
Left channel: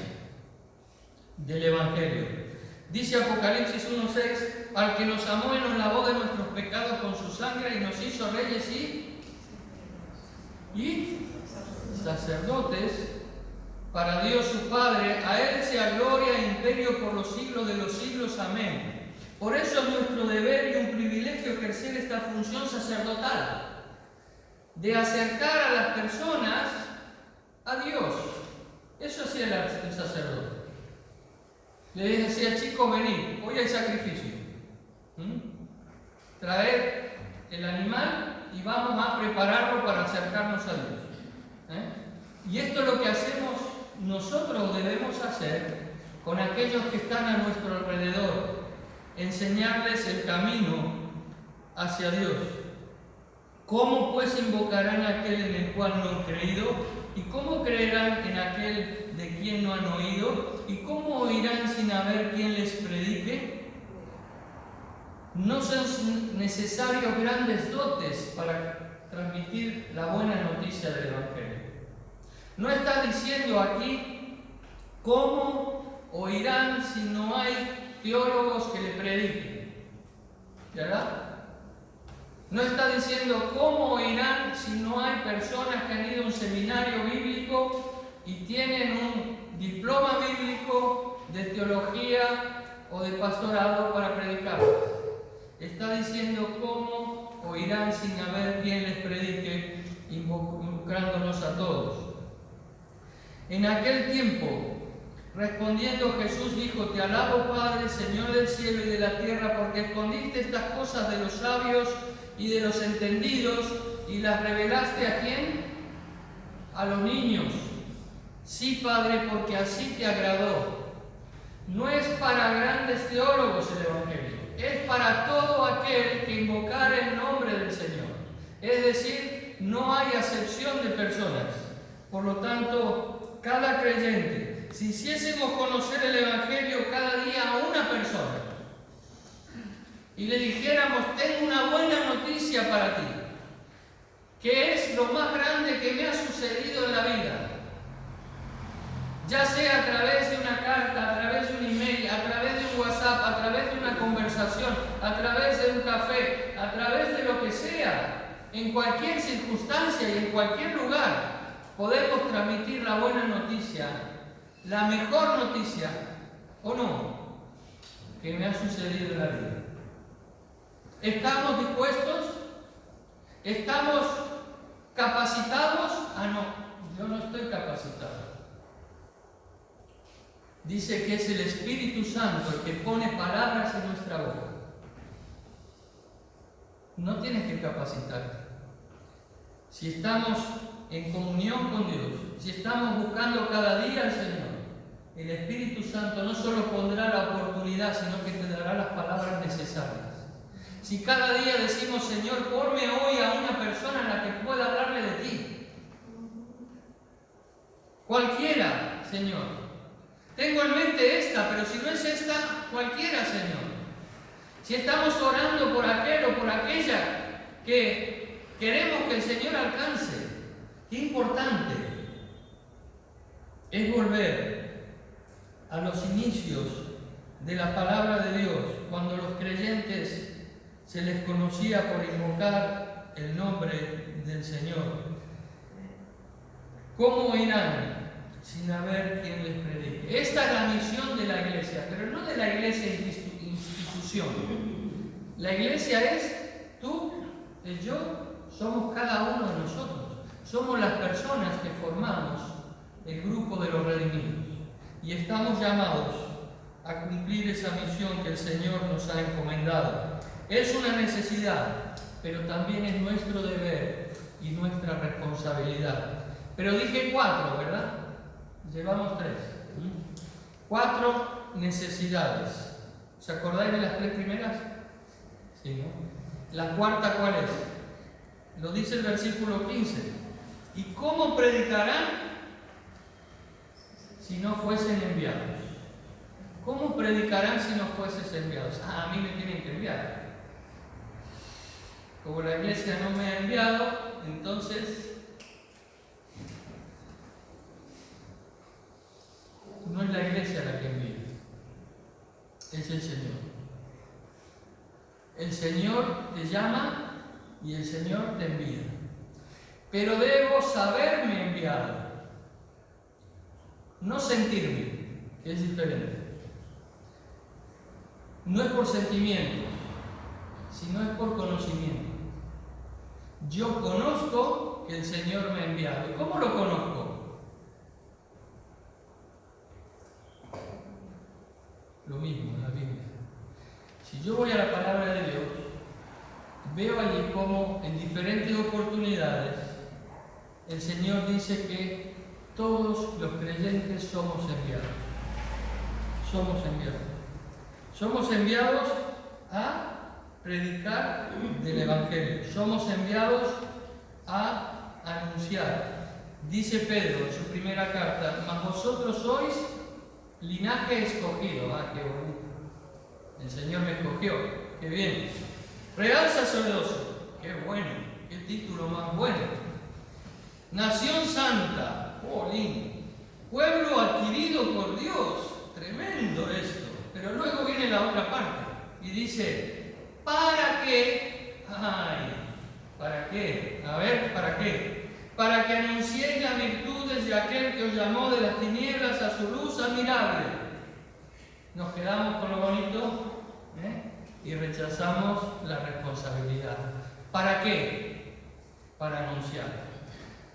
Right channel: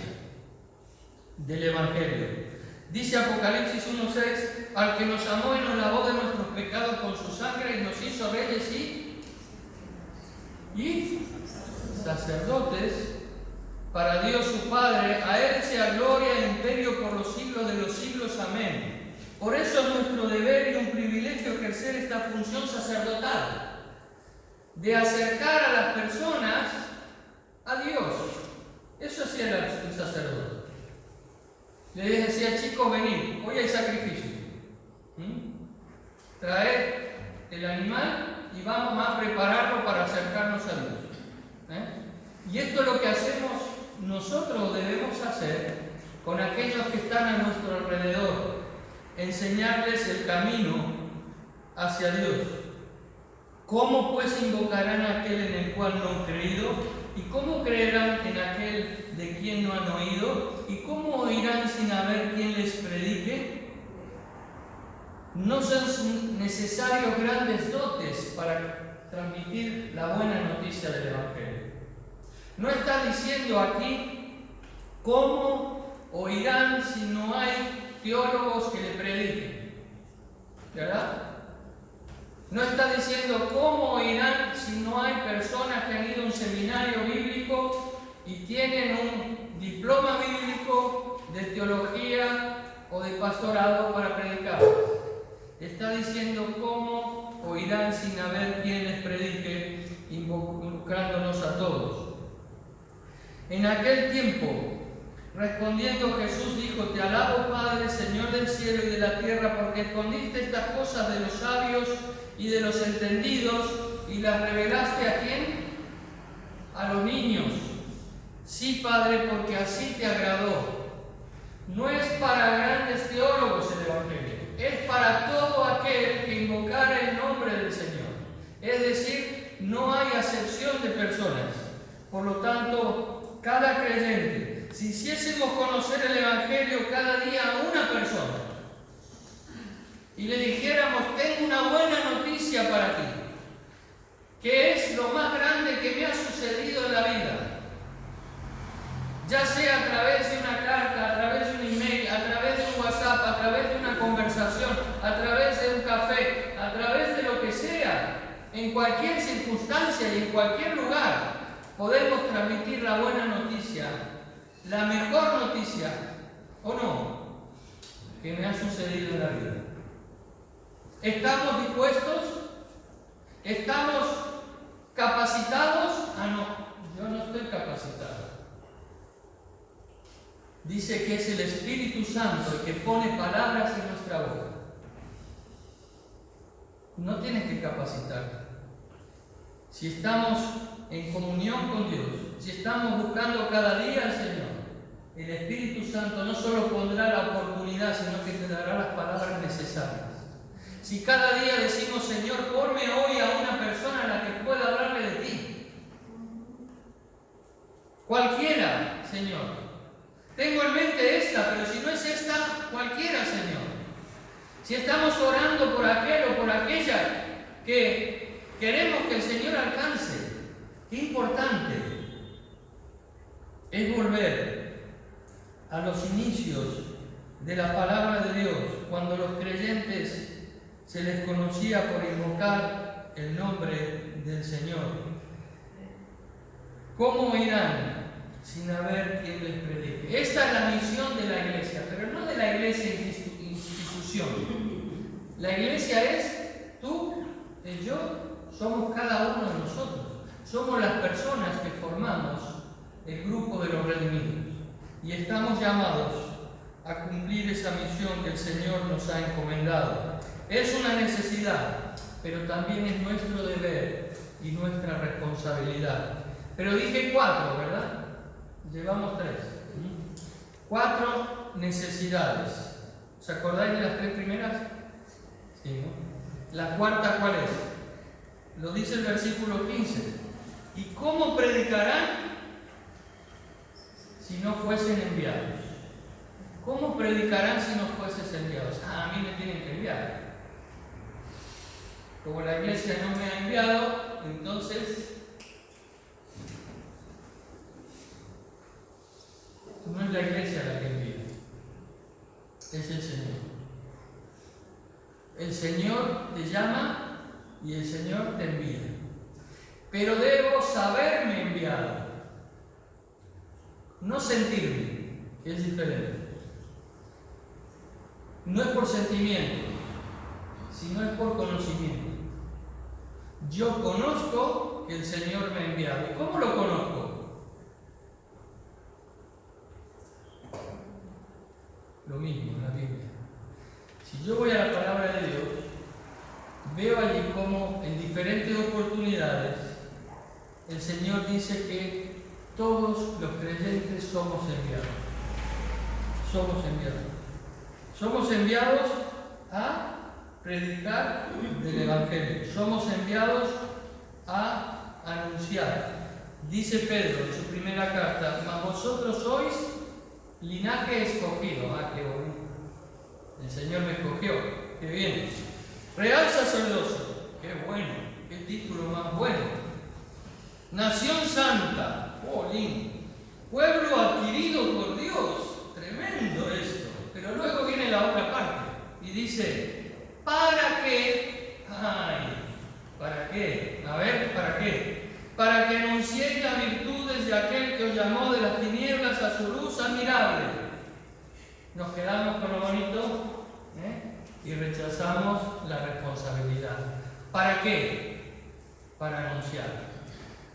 del Evangelio. Dice Apocalipsis 1:6, al que nos amó y nos lavó de nuestros pecados con su sangre y nos hizo reyes y sacerdotes para Dios su Padre, a Él sea gloria e imperio por los siglos de los siglos. Amén. Por eso es nuestro deber y un privilegio ejercer esta función sacerdotal, de acercar a las personas a Dios. Eso hacía el sacerdote. Le decía, chicos, venid, hoy hay sacrificio. Traed el animal y vamos a prepararlo para acercarnos a Dios. Y esto es lo que hacemos nosotros, debemos hacer con aquellos que están a nuestro alrededor. Enseñarles el camino hacia Dios. ¿Cómo pues invocarán a aquel en el cual no han creído? ¿Y cómo creerán en aquel de quien no han oído? ¿Y cómo oirán sin haber quien les predique? No son necesarios grandes dotes para transmitir la buena noticia del Evangelio. No está diciendo aquí cómo oirán si no hay teólogos que le prediquen, ¿verdad? No está diciendo cómo oirán si no hay personas que han ido a un seminario bíblico y tienen un diploma bíblico de teología o de pastorado para predicar. Está diciendo cómo oirán sin haber quien les predique, involucrándonos a todos. En aquel tiempo, respondiendo Jesús dijo: Te alabo, Padre, Señor del cielo y de la tierra, porque escondiste estas cosas de los sabios y de los entendidos y las revelaste ¿a quién? A los niños. Sí, Padre, porque así te agradó. No es para grandes teólogos el Evangelio, es para todo aquel que invocara el nombre del Señor. Es decir, no hay acepción de personas. Por lo tanto, cada creyente, si hiciésemos conocer el Evangelio cada día a una persona y le dijéramos: tengo una buena noticia para ti, que es lo más grande que me ha sucedido en la vida, ya sea a través de una carta, a través de un email, a través de un WhatsApp, a través de una conversación, a través de un café, a través de lo que sea, en cualquier circunstancia y en cualquier lugar, podemos transmitir la buena noticia, la mejor noticia, ¿o no?, que me ha sucedido en la vida. ¿Estamos dispuestos? ¿Estamos capacitados? Ah, no, yo no estoy capacitado. Dice que es el Espíritu Santo el que pone palabras en nuestra boca. No tienes que capacitarte. Si estamos en comunión con Dios, si estamos buscando cada día al Señor, el Espíritu Santo no solo pondrá la oportunidad, sino que te dará las palabras necesarias. Si cada día decimos: Señor, ponme hoy a una persona a la que pueda hablarle de ti. Cualquiera, Señor. Tengo en mente esta, pero si no es esta, cualquiera, Señor. Si estamos orando por aquel o por aquella que queremos que el Señor alcance, qué importante es volver a los inicios de la palabra de Dios, cuando los creyentes se les conocía por invocar el nombre del Señor. ¿Cómo irán sin haber quien les predique? Esta es la misión de la iglesia, pero no de la iglesia institución. La iglesia es tú, es yo, somos cada uno de nosotros. Somos las personas que formamos el grupo de los redimidos y estamos llamados a cumplir esa misión que el Señor nos ha encomendado. Es una necesidad, pero también es nuestro deber y nuestra responsabilidad. Pero dije 4, ¿verdad? Llevamos 3. 4 necesidades. ¿Os acordáis de las 3 primeras? Sí, ¿no? La cuarta, ¿cuál es? Lo dice el versículo 15. ¿Y cómo predicarán si no fuesen enviados? ¿Cómo predicarán si no fueses enviados? Ah, a mí me tienen que enviar. Como la iglesia no me ha enviado, entonces no es la iglesia la que envía, es el Señor. El Señor te llama y el Señor te envía. Pero debo saberme enviado, no sentirme, que es diferente. No es por sentimiento, sino es por conocimiento. Yo conozco que el Señor me ha enviado. ¿Y cómo lo conozco? Lo mismo en la Biblia. Si yo voy a la palabra de Dios, veo allí cómo en diferentes oportunidades el Señor dice que todos los creyentes somos enviados. Somos enviados. Somos enviados a predicar del Evangelio. Somos enviados a anunciar. Dice Pedro en su primera carta: mas vosotros sois linaje escogido. Ah, qué bonito. El Señor me escogió. Qué bien. Real sacerdocio. Qué bueno. Qué título más bueno. Nación santa. Oh, lindo. Pueblo adquirido por Dios. Tremendo esto. Pero luego viene la otra parte y dice: ¿para qué? Ay, ¿para qué? A ver, ¿para qué? Para que anunciéis las virtudes de aquel que os llamó de las tinieblas a su luz admirable. Nos quedamos con lo bonito, y rechazamos la responsabilidad. ¿Para qué? Para anunciar.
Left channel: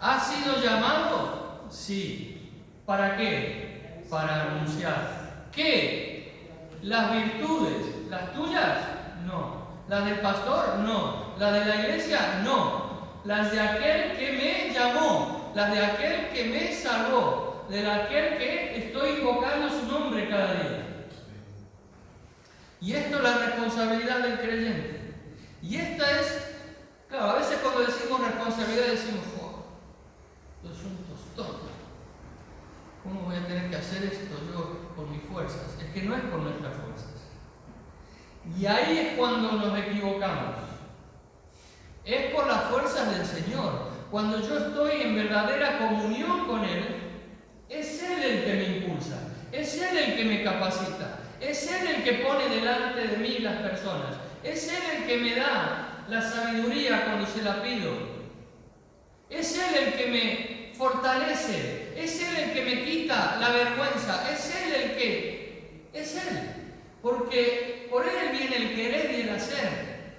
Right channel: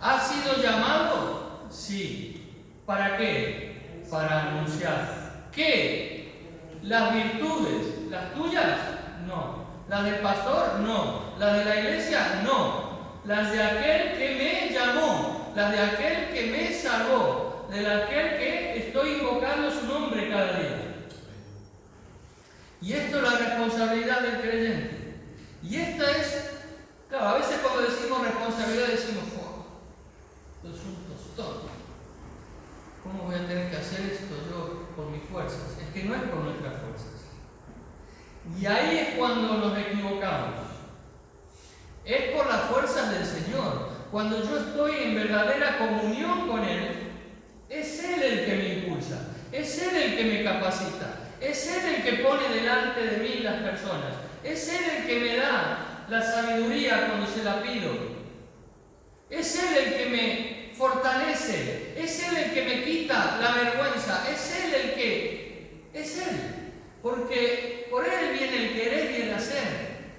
¿Has sido llamado? Sí. ¿Para qué? Para anunciar. ¿Qué? ¿Las virtudes? ¿Las tuyas? No. ¿Las del pastor? No. ¿Las de la iglesia? No. Las de aquel que me llamó, las de aquel que me salvó, de aquel que estoy invocando su nombre cada día. Y esto es la responsabilidad del creyente. Y esta es, claro, a veces cuando decimos responsabilidad decimos: wow, esto es un tostón. ¿Cómo voy a tener que hacer esto yo por mis fuerzas? Es que no es por nuestras fuerzas. Y ahí es cuando nos equivocamos. Es por las fuerzas del Señor. Cuando yo estoy en verdadera comunión con Él, es Él el que me impulsa, es Él el que me capacita, es Él el que pone delante de mí las personas, es Él el que me da la sabiduría cuando se la pido, es Él el que me fortalece, es Él el que me quita la vergüenza, es Él el que... es Él, porque por Él viene el querer y el hacer,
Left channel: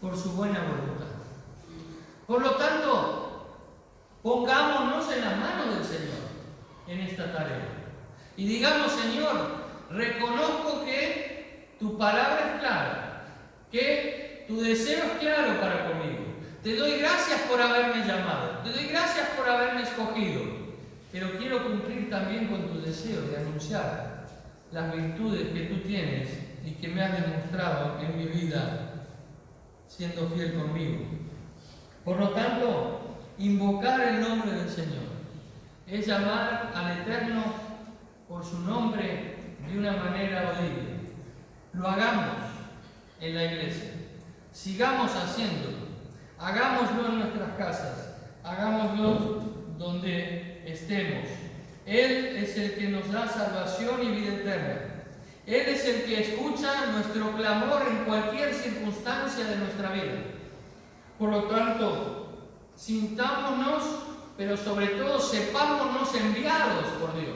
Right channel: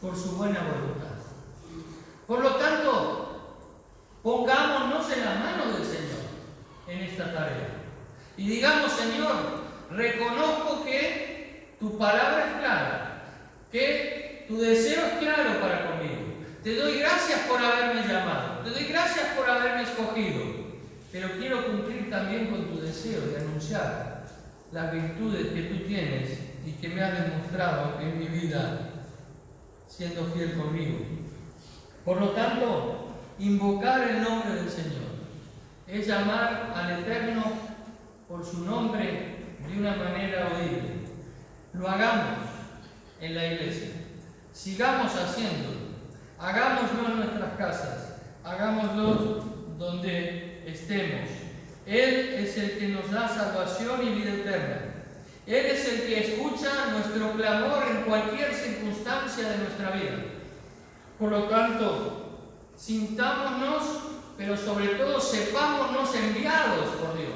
por su buena voluntad. Por lo tanto, pongámonos en las manos del Señor en esta tarea. Y digamos: Señor, reconozco que tu palabra es clara, que tu deseo es claro para conmigo. Te doy gracias por haberme llamado, te doy gracias por haberme escogido, pero quiero cumplir también con tu deseo de anunciar las virtudes que tú tienes y que me has demostrado en mi vida siendo fiel conmigo. Por lo tanto, invocar el nombre del Señor es llamar al Eterno por su nombre de una manera audible. Lo hagamos en la iglesia, sigamos haciéndolo, hagámoslo en nuestras casas, hagámoslo donde estemos. Él es el que nos da salvación y vida eterna. Él es el que escucha nuestro clamor en cualquier circunstancia de nuestra vida. Por lo tanto, sintámonos, pero sobre todo sepámonos enviados por Dios.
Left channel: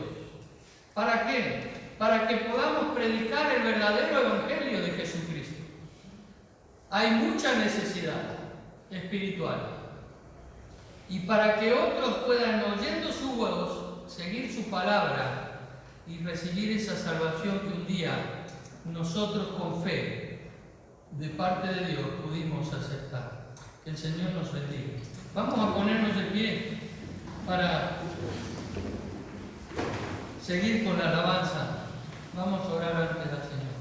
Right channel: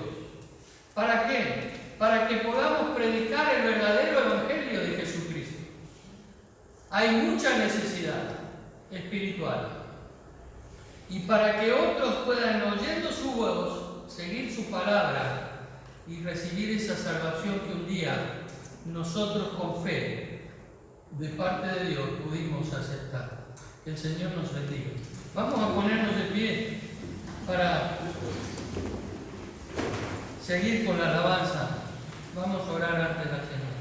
¿Para qué? Para que podamos predicar el verdadero evangelio de Jesucristo. Hay mucha necesidad espiritual. Y para que otros puedan, oyendo su voz, seguir su palabra y recibir esa salvación que un día nosotros con fe de parte de Dios pudimos aceptar. Que el Señor nos bendiga. Vamos a ponernos de pie para seguir con la alabanza. Vamos a orar ante la Señor.